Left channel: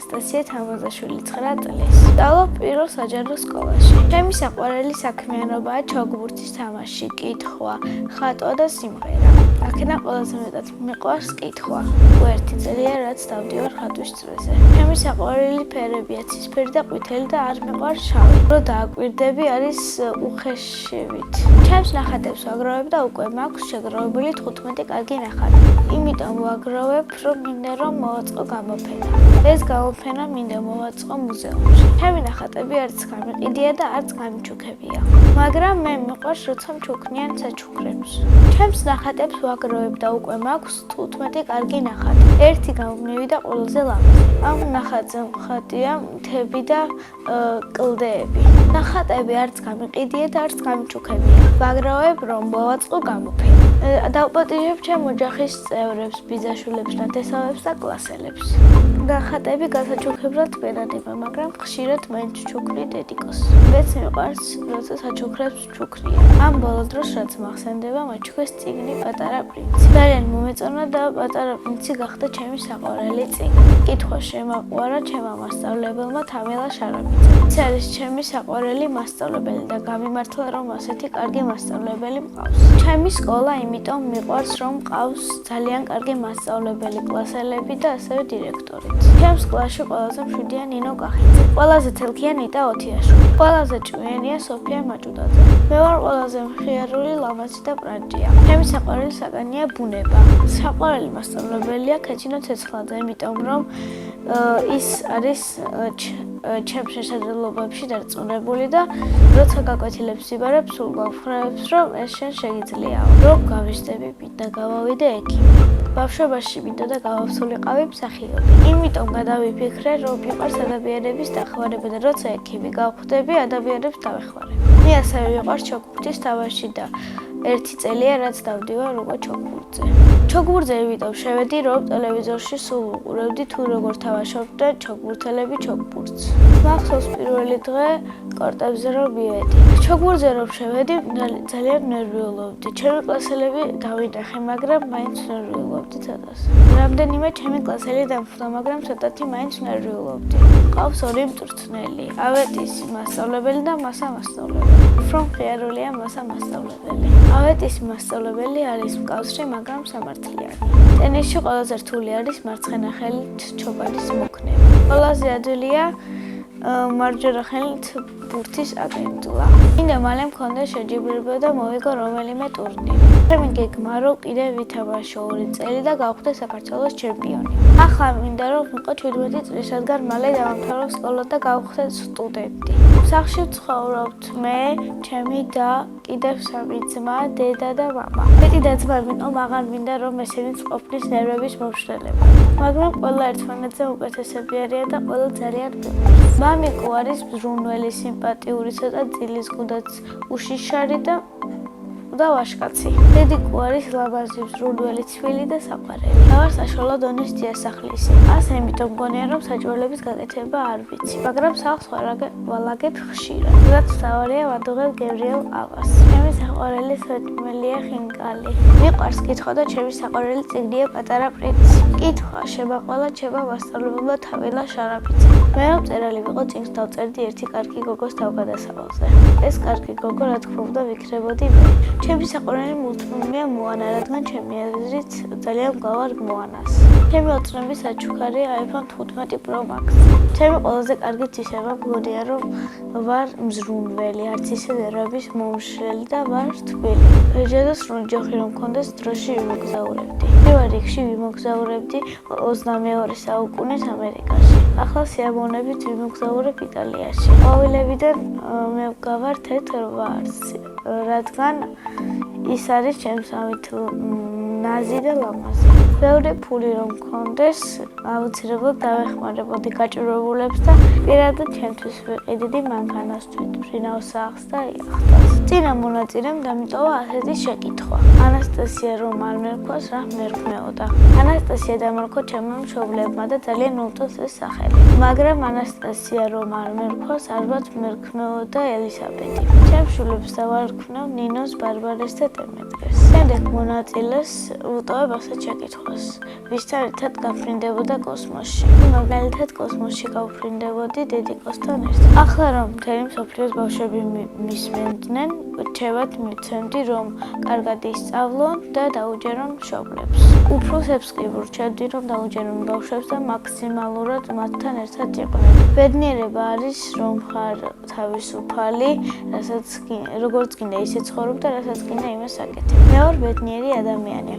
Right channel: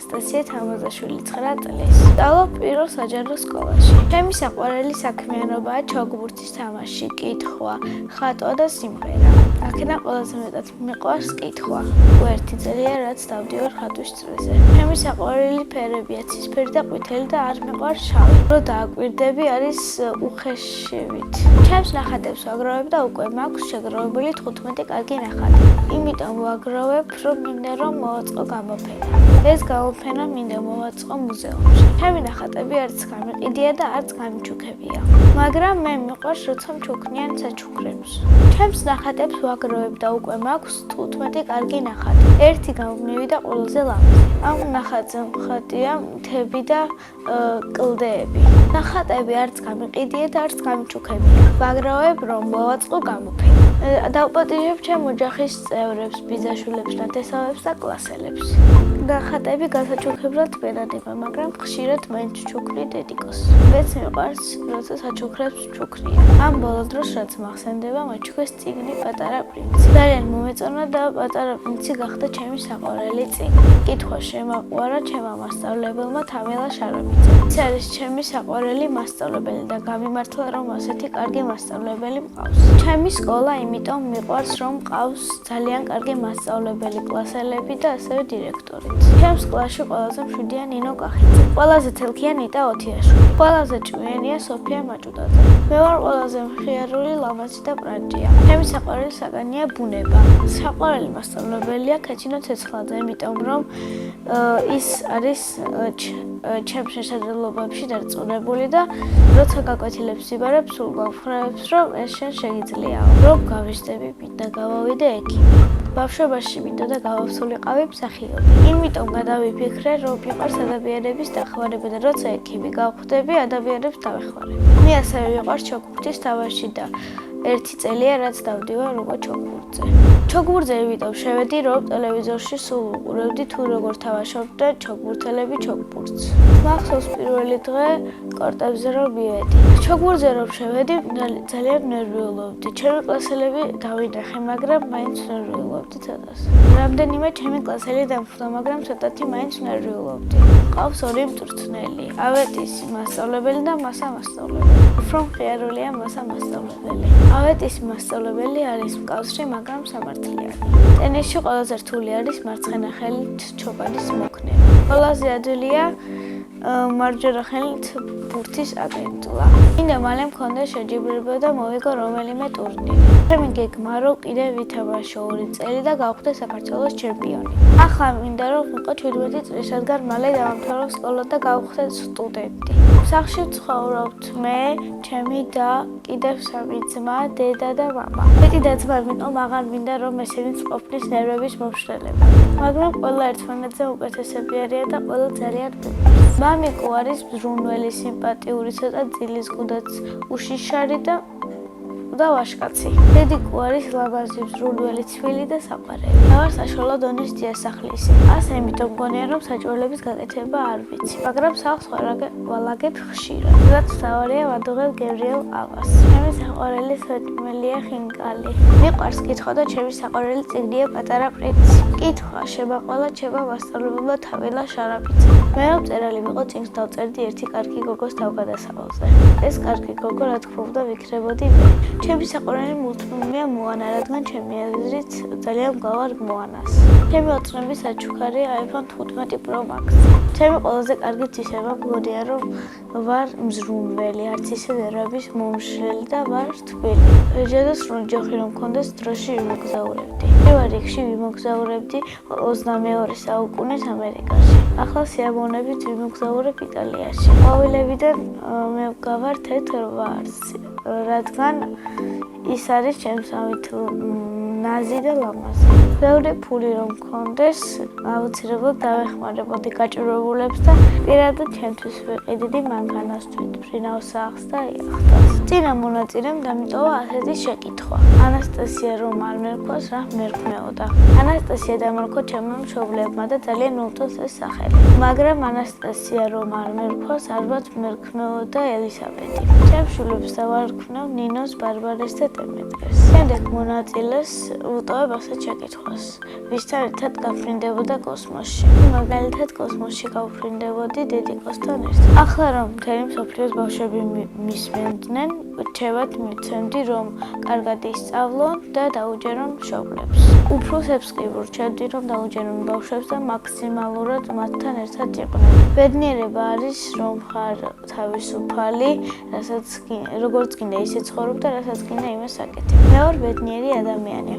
ანასტასია თამაზაშვილი 9 წლის. სწავლობ პირველ საჯარო სკოლაში. ჩემი საყვარელი საქმიანობაა ჩოგბურთის თამაში, კითხვა, ხატვა და სიმღერა. აქედან ყველაზე მეტად მიყვარს კითხვა. ერთი წელია რაც დავდივარ ხატვის წრეზე. ჩემი საყვარელი ფერებია ცისფერი და ყვითელი და არ მიყვარს შავი. რო დააკვირდები არის უხეშივით. ჩემს ნახატებს ვაგროვებ და უკვე მაქვს შეგროვებული 15 კარგი ნახატი. იმიტომ ვაგროვებ, რომ მინდა რომ მოვაწყო გამოფენა. ეს გამოფენა მინდა მოვაწყო მუზეუმში. ჩემი ნახატები არც გამიყიდია და არც გამიჩუქებია. მაგრამ მე მიყვარს როცა მჩუქნიან საჩუქრებს. ჩემს ნახატებს ვაგროვებ და უკვე მაქვს 15 კარგი ნახატი. ერთი გამგმივი და ყველაზე ლამაზი. ამ ნახატზე მხატია მთები და კლდეები. ნახატები არც გამიყიდია და არც გამიჩუქებია. ვაგროვებ რომ მოვაწყო გამოფენა. დავპატიჟებ ჩემ ოჯახის წევრებს, ბიძაშვილებს, ნათესავებს და კლასელებს. ნახატები გასაჩუქებლად ვენადება, მაგრამ ხშირად მაინც ჩუქნი დედიკოს. მეც მიყვარს, როცა საჩუქრებს ჩუქნია. ამ ბოლო დროს რაც მახსენდება, მაჩუქეს წიგნი პატარა პრინცი. ძალიან მომეწონა და პატარა პრინცი გახდა ჩემი საყვარელი წიგნი. კითხვა შემაყვარა ჩემმა მასწავლებელმა თამილა შარაბიძემ. ის არის ჩემი საყვარელი მასწავლებელი და გამიმართლა რომ ასეთი კარგი მასწავლებელი მყავს. ჩემი სკოლა იმიტომ მიყვარს რომ მყავს ძალიან კარგი მასწავლებელი, კლასელები და ასევე დირექტორიც. ჩემს კლასში ყველაზე მშვიდია ნინო კახიძე. ყველაზე თელქია ნიტა ოთიაშვილი. ყველაზე ჭკვიანია სოფია მაჭუდაძე. მე ვარ ყველაზე მხიარული, ლამაზი და ბრანჭია. ჩემი საყვარელი საგანია ბუნება. საყვარელი მასწავლებელია ქეჩინო ცეცხლაძე, იმიტომ რომ ის არის ჩემს შესაძლებლობებში დარწმუნებული და როცა გაკვეთილებს იბარებს, სულ გავხრევებს, რომ ეს შენ შეგიძლიაო. რომ გავიზრდები, მინდა გავავიდე ექიმი. ბავშვობაში მინდა და გავავსულიყავი მსახიობი. იმიტომ გადავიფიქრე, რომ მიყვარს ადამიანების დახმარება და როცა ექიმი გავხდები, ადამიანებს დავეხმარებ. მე ასევე მიყვარს ჩოგბურთის თამაში და ერთი წელია რაც დავდივარ უკვე ჩოგბურთზე. ჩოგბურთზე იმიტომ შევედი, რომ ტელევიზორში სულ უყურებდი თუ როგორ თამაშობდნენ ჩოგბურთელები ჩოგბურთს. მახსოვს პირველი დღე კორტებზე რომ მივედი. ჩოგბურთზე რომ შევედი, ძალიან ნერვიულობდი. ჩემი კლასელები დავინახე, მაგრამ მაინც ნერვიულობდი ცოტას. რამდენიმე ჩემი კლასელი დამხვდა, მაგრამ ცოტათი მაინც ნერვიულობდი. ყავს ორი მწვრთნელი, ავეტისი მასწავლებელი და მასა მასწავლებელი. უფრო მხიარულია მასა მასწავლებელი. ავეტისი მასწავლებელი არის მკაცრი, მაგრამ სამართლიანი. ტენისში ყველაზე რთული არის მარცხენა ხელით ჩოგადის მოქნება. ყველაზე ადვილია მარჯვენა ხელით ბურთის აგენტლა. მინდა მალე მქონდეს შეჯიბრება და მოვიგო რომელიმე ტურნირი. ჩემი გეგმა რომ კიდევ ვითამაშო 2 წელი და გავხდე საქართველოს ჩემპიონი. ახლა მინდა რომ ვიყო 17 წლის, რადგან მალე დავამთავრო სკოლა და გავხდე სტუდენტი. სახლში ვცხოვრობთ მე, ჩემი და კიდევ 3 ძმა, დედა და მამა. მეტი და-ძმა ვიყო, მაგრამ მინდა რომ ესენიც ყოფნის ნერვების მომშრალება. მაგრამ ყველა ერთმანეთზე უკეთესები არიან და ყველა ძალიან მიყვარს. მამიკო არის მზრუნველი, სიმპათიური, ცოტა ძილისგუდაც, უშიშარი და ვაშკაცი. დედიკო არის ლამაზი, მზრუნველი, ცვილი და საყვარელი. და ვარ საშუალო დონის დიასახლისი. ასე იმიტომ მგონია რომ საჭიროების გაკეთება არ ვიცი, მაგრამ სახლს ვალაგებ ხშირად. რაც მთავარია ვადუღებ გევრიელ ავას. ჩემი საყვარელი სვეტმელია ხინკალი. მიყვარს კითხვა და ჩემი საყვარელი წიგნია პატარა პრინცი. კითხვა შემაყოლა ჩემმა მასწავლებელმა თამილა შარაბიძემ. მე რომ მწერალი ვიყო, წიგნს დავწერდი ერთი კარგი გოგოს თავგადასავალზე. ეს კარგი გოგო რა თქმა უნდა ვიქნებოდი მე. ჩემი საყვარელი მულტფილმია მოანა, რადგან ჩემი აზრით ძალიან მგავარ მოანას. ჩემი ოცნების საჩუქარი iPhone 15 Pro Max. ჩემი ყველაზე კარგი ცისება მგონია რომ ვარ მზრუნველი, არც ისე ნერვების მომშრელი და ვარ თბილი. ეჯადოს რომ ჯოხი რომ მქონდეს დროში ვიმოგზაურებდი. პირველ რიგში ვიმოგზაურებდი 22 საუკუნის ამერიკაში. ახლა სიამოვნებით ვიმოგზაურებ იტალიაში. ყვავილებიდან მე ვგავარ თეთრ ვარს, რადგან ის არის ჩემსავით ნაზი და ლამაზი. ბევრი ფული რომ მქონდეს, აუცილებლად დავეხმარებოდი გაჭირვებულებს და პირადად ჩემთვის ვიყიდიდი მანქანას, თვითმფრინავს სახლს და იახტას. წინა მონაწილემ დამიტოვა ასეთი შეკითხვა. ანასტასია რომ არ მერქოს, რა მერქმეოდა? ანასტასია დამარქვა ჩემმა მშობლებმა და ძალიან უწევს ეს სახელი. მაგრამ ანასტასია რომ არ მერქოს, ალბათ მერქმეოდა ელისაბედი. ჩემს შვილებს დავარქმევ ნინოს, ბარბარეს და დემეტრეს. შემდეგ მონაწილეს ვუტოვებ ასეთ შეკითხვას. ვისთან ერთად გაფრინდებოდა კოსმოსში? მაგალითად, კოსმოსში გავფრინდებოდი დედიკოსთან ერთად. ახლა რომ მთელი მსოფლიოს ბავშვები მისმენდნენ, რჩევათ მივცემდი, რომ კარგად ისწავლონ და დაუჯერონ მშობლებს. უფროსებს კი ვრჩევდი, რომ დაუჯერონ ბავშვებს და მაქსიმალურად მათთან ერთად იყვნენ. ბედნიერება არის, რომ ხარ თავისუფალი, როგორც გინდა ისე ცხოვრობ და რასაც გინდა იმას აკეთებ. მე ვარ ბედნიერი ადამიანი.